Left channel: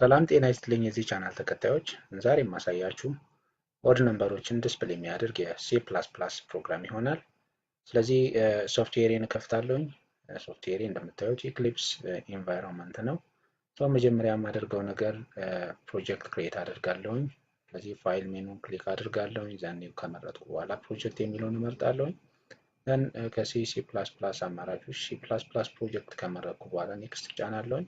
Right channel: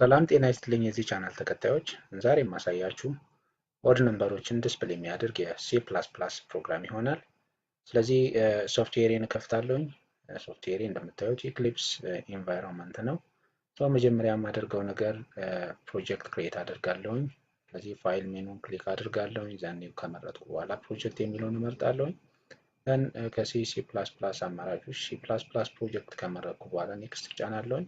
ሰላም ጤና ይስጥልኝ የዚህ ቻናል ተከታዮች ዛሬ የማሳያችሁ ኦድ ነምበሮችን ዲስፕሌይ የሚያደርግ የሲ ፕላስ ፕላስ ፕሮግራም ይሆናል። ስለዚህ ሶፍትዌርን እከፍታለሁኝ። ሶፍትዌር እንደምታዩት ኢክሊፕስ ኢንቫይሮንመንት ነው። መጀመሪያ የማደርገው ነገር ፕሮጀክት ክሬት አደርጋለሁኝ። ስለዚህ ፋይል ሜኑን ክሊክ አድርጋለሁኝ። ዛኔ ከመረጥኩ በኋላ ፕሮጀክት የሚለውን እመርጣለሁኝ። ደን ከሲ ሲ ፕላስ ፕላስ አማራጮች ሲ ፕላስ ፕላስ ፕሮጀክት ከመረጥኩ በኋላ ኔክስት ጫናለሁኝ።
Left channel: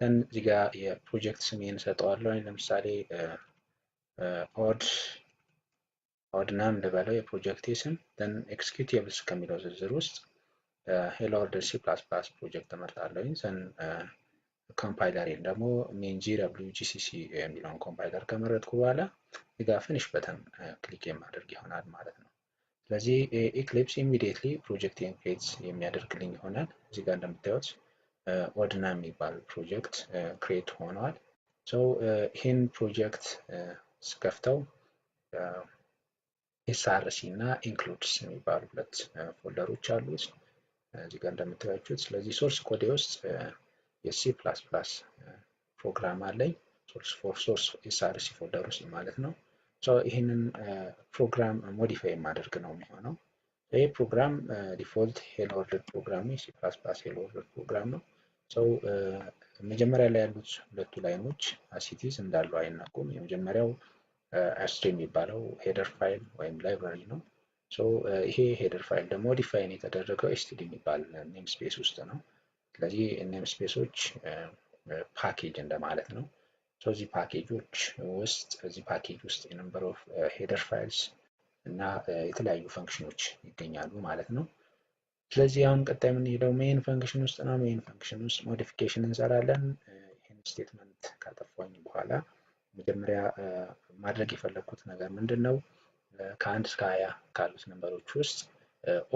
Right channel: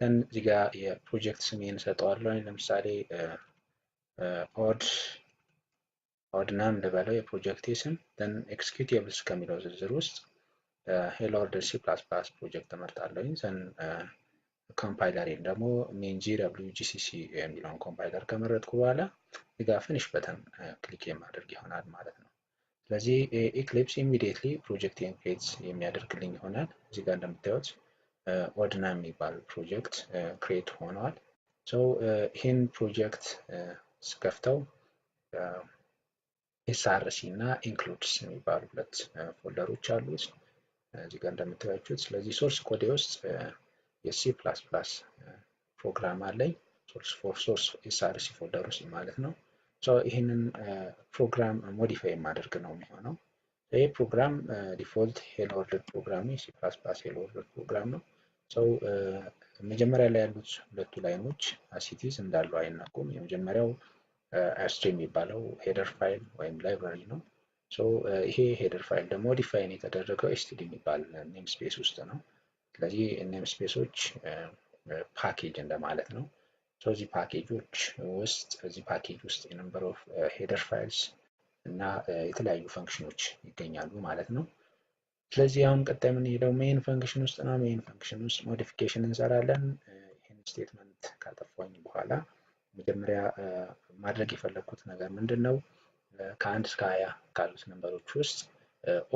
ደን እዚህ ጋር የፕሮጀክት ስሜን ሰጠዋለሁኝ። ለምሳሌ ኦድ ናም ልበለው የፕሮጀክት ስም። ደን ኤክስኪዩቲቭስ ከሚለው ዝርዝር ውስጥ ሄሎ ወርልድ ሲ ፕላስ ፕላስ ፕሮጀክት እመርጣለሁኝ። ዘን ኮምፓይለሪን ደግሞ GCC የሚለውን ኮምፓይለር ከመረጥኩ በኋላ እዚህ ጋር ፊኒሽ በተን ክሊክ የማደርግ ይሆናል ማለት ነው። ስለዚህ ኢክሊፕስ ኢሚዲየትሊ ፕሮጀክት ክሬት የሚያደርግልኝ ይሆናል። እዚህ ጋር እንደምታዩት ኦድና የሚባል ፕሮጀክት ክሬት ሆኗል። ይህን ፕሮጀክት ስከፍተው ኤስአርሲ እና ኢንክሉድስ የሚባሉ ሁለት ፎልደሮች አሉት እዚህ ጋር እንደምታዩት። ስለዚህ ሶርስ ኮዴ ውስጥ የሲ ፕላስ ፕላስ ፕሮግራም አለኝ ሶርስ ኤስአርሲ ፎልደር ውስጥ ማለት ነው። ይህንን ፕሮግራም ሞዲፋይ የማደርግ ነው የሚሆነው። ይሄ ፕሮግራም ዲፎልት ሄሎ ወርልድ ፕሮግራም ነው። ሲ ፕላስ ፕላስ ሄሎ ወርልድ ፕሮግራም ነው። መጀመሪያ ላይ ያሉት ሁለቱ ላይኖች አሲቲዝ እንዳሉ አይናቁም። የመጀመሪያው አስጂ የሚባለው ሄደር ፋይል ወይም ላይብራሪ ነው። ይሄ ሄደር ፋይል ደግሞ ዲፋይን የተደረገው ኤስቲዲ የሚባል ኔም ስፔስ ውስጥ ነው። ስለዚህ ኔም ስፔሶች ፓኬጅ እንደማለት ነው። እዚህ ፓኬጆች ውስጥ እዚህ ፓኬጅ ውስጥ የነምበር ኦፍ ሄደር ፋይልስ እና የተለያዩ ፈንክሽኖች ይገኛሉ ማለት ነው። ስለዚህ አሁን ቀጣይ የምንሄደው ሜን ፈንክሽን ውስጥ ነው። ሜን ፈንክሽን ውስጥ ሞዲፊኬሽን እንሰራለን። ይህን ስቴትመንት ካጠፋኝ በኋላ መጀመሪያ ማድረግ የፈለግኩት ነገር ምንድን ነው? ከ1 እስከ 20 ካሉት ነምበሮች ውስጥ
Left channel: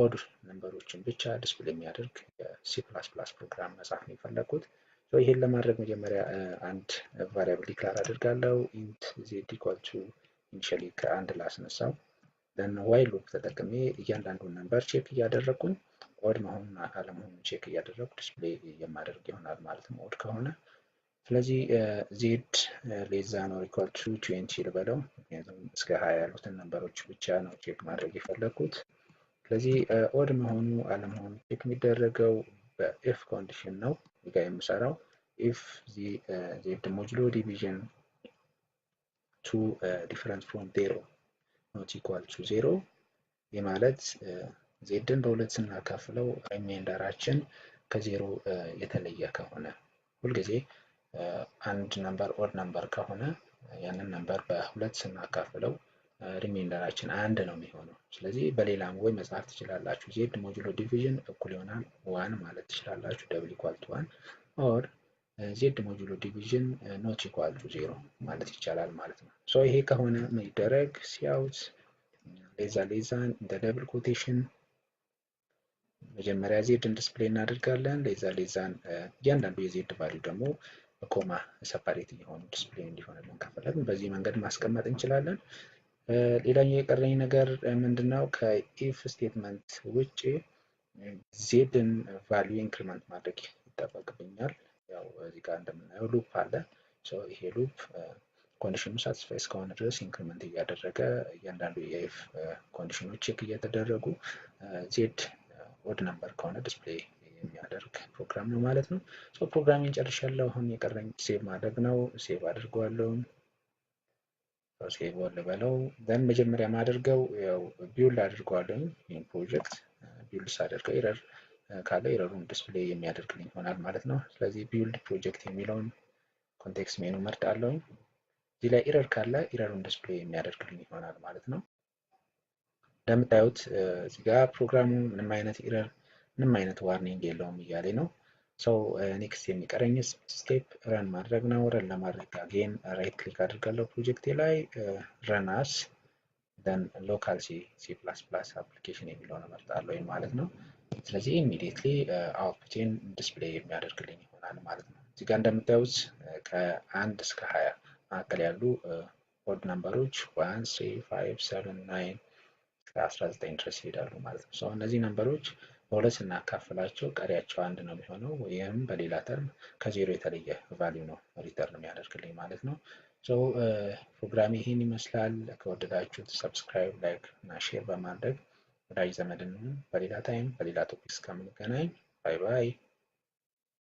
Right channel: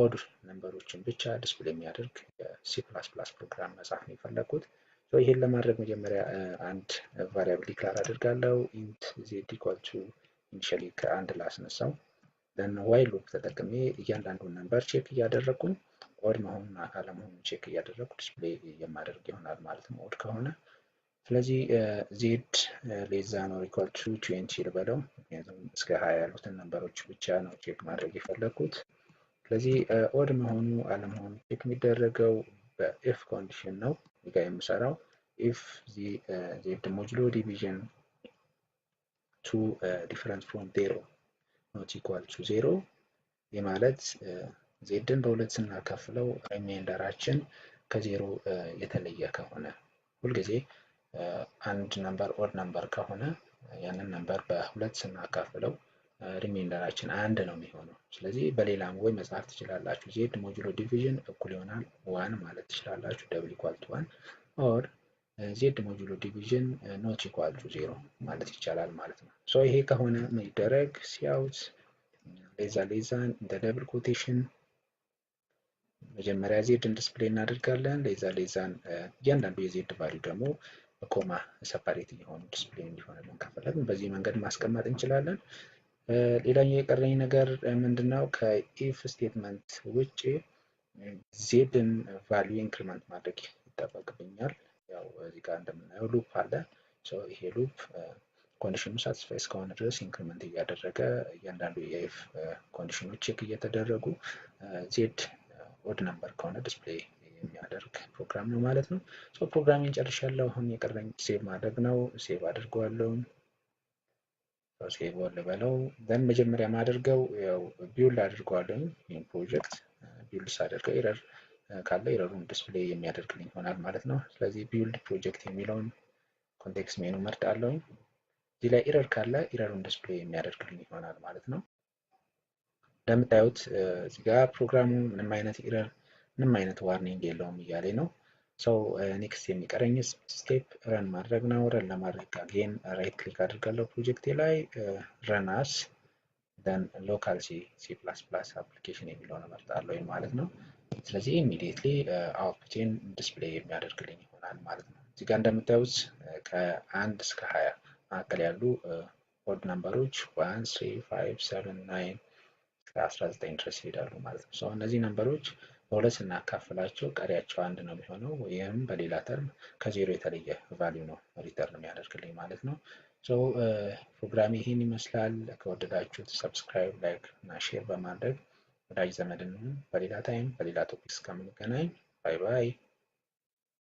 ኦድ ነምበሮችን ብቻ ዲስፕሌይ የሚያደርግ ሲ ፕላስ ፕላስ ፕሮግራም መጻፍ ነው የፈለግኩት። ይህን ለማድረግ መጀመሪያ አንድ ቫሪያብል ዲክላር አድርጋለሁ። ኢንት ዜድ ኢኳል ቱ ኢኒሻሊ ከአንድ ላስነሳው። ደን ዋይል ሉፕ ተጠቅሜ እያንዳንዱን ነምበር ቼክ እያደረግኩኝ ኦድ መሆኑን አለመሆኑን ቼክ እያደረግኩ ዲስፕሌይ የማደርግ ይሆናል ማለት ነው ኦድ ከሆነ። ስለዚህ ዜድ ሌዛ ነው ኢኳል ቱ 20 ልበለው፣ ምክንያቱም እስከ 20 ያሉትን ነምበሮች ብቻ ነው ቼክ ማድረግ የፈለግኩት። ስለዚህ ኦድ መሆኑ አለመሆኑ ቼክ የሚደረገው በኤፍ ኮንዲሽን ነው ጋር የምሰራው። ኢፍ ዜድ ሞጁሎ ዲቪዥን ቱ ዲፈረንት ፍሮም 0 ኖት ኢኳል ቱ 0 የማለት ዜድን በሁለት ስናካፍለው ሪማይንደራችን ከዜሮ የተለየ ከሆነ ሁልጊዜ አንድ ነምበር ኦድ ነምበር ከሆነ ያንን ነምበር በሁለት ስናካፍለው ሪማይንደራችን አንድ ነው የሚሆነው። ስለዚህ በሌላም ወይ መጻፍ ትችላላችሁ። ዜድ ሞጁሎ ዲቪዥን እኩል ይሆናል 1 ማለት ትችላላችሁ፣ ደብል ኢኳል ቱ 1 ኦር ዜድ ሞጁሎ ዲቪዥን ኖት ኢኳል ቱ 0 ማለት ይቻላል ማለት ነው። ይሄ ከሆነ ምን ይደረግ? ሲአውት ሌዛ እንደ ደብል ኮቴሽን መጀመሪያ ዜድን ዲስፕሌይ እናደርጋለን። ሌዛን እያንዳንዱ የዜድ ቫልዩ ደግሞ ኮማ ሰፓሬት እየሆኑ ዲስፕሌይ እንዲሆንልን ከፈለግን በዚህ መንገድ ማስቀመጥ እንችላለን። ሌላኛው የቀረኝ ነገር ምንድነው? ከኢፍ ስቴትመንት ውጭ ዜድን ቫልዩ ኢንክሪመንት ማድረግ ይጠበቅብኛል። ያው እዚህ ጋር እንደምናየው ሉፕ አለ። ይሄ ሉፕ ኮንዲሽኑ ሳቲስፋይ እስከሆነ ድረስ ኢንክሪመንት እያደረገ እያንዳንዱ የኢፍ ኮንዲሽኖች ቼክ እየተደረጉ ዜድ ኦድ ነምበር ከሆነ ዲስፕሌይ የሚያደርግ ፕሮግራም ነው ማለት ነው። ፕሮግራሚንግ ጨርሻለሁ። አሁን የቀረኝ ሴቭ ማድረግ ነው። ሴቭ አድርገዋለሁ። ሴቭ ልበለው። ዘን መጀመሪያ ማድርገው ያው ቢውልድ አድርገዋለሁ። ይህን ፕሮጀክት ቢውልድ ሳደርገው ኤረር ካለ ኤረሩን ዲስፕሌይ የሚያደርግልኝ ይሆናል ማለት ነው። ስለዚህ ቢውልድ ፕሮጀክት የሚለውን ኮንቴክስት ሜኑ መርጣለሁ። እዚህ ላይ ኤረር ካለ ኤረሩን ዲስፕሌይ የሚያደርግልኝ ይሆናል ማለት ነው። እንደምታዩት እዚህ ጋር ፕሮግራሙ ምንም አይነት ኤረር ምንም አይነት ዋርኒንግ የለውም እያለኝ ነው። ኔክስት የሚቀረኝ ስቴፕ ረን ማድረግ ነው። ረን ለማድረግ አጌን ራይት ክሊክ አድርጋለሁ ፕሮጀክቴ ላይ ረን አስ ደን ሎካል ሲ ፕላስ ፕላስ አፕሊኬሽን የሚለውን እመርጣለሁ ማለት ነው። ስለዚህ ኢሚዲየትሊ አውትፑቴን ዲስፕሌይ የሚያደርግልኝ ይሆናል ማለት ነው። እዚህ ጋር እንደምታዩት ከ1 እስከ 20 መካከል ያሉ ኦድ ነምበሮች 1 3 5 7 9 እስከ 19 ድረስ ይሄዳሉ ማለት ነው። እነዚህ ነምበሮች በሁለት ስናካፍላቸው ቀሪያቸው አንድ ነው የሚሆነው። ይህም በሌላ ተርም ከዜሮ የተለየ ቫልዩ ነው ሪተርን የሚያደርግልኝ ማለት ነው። ፕሮግራም ይህን ይመስላል። ከወደዳችሁት ሰብስክራይብ፣ ላይክ እና ሼር በማድረግ ወዳጅ ዘመድ እንሁን። በሌላ ታይም በሌላ ቶፒክ እስከምንገናኝ ባይ ባይ።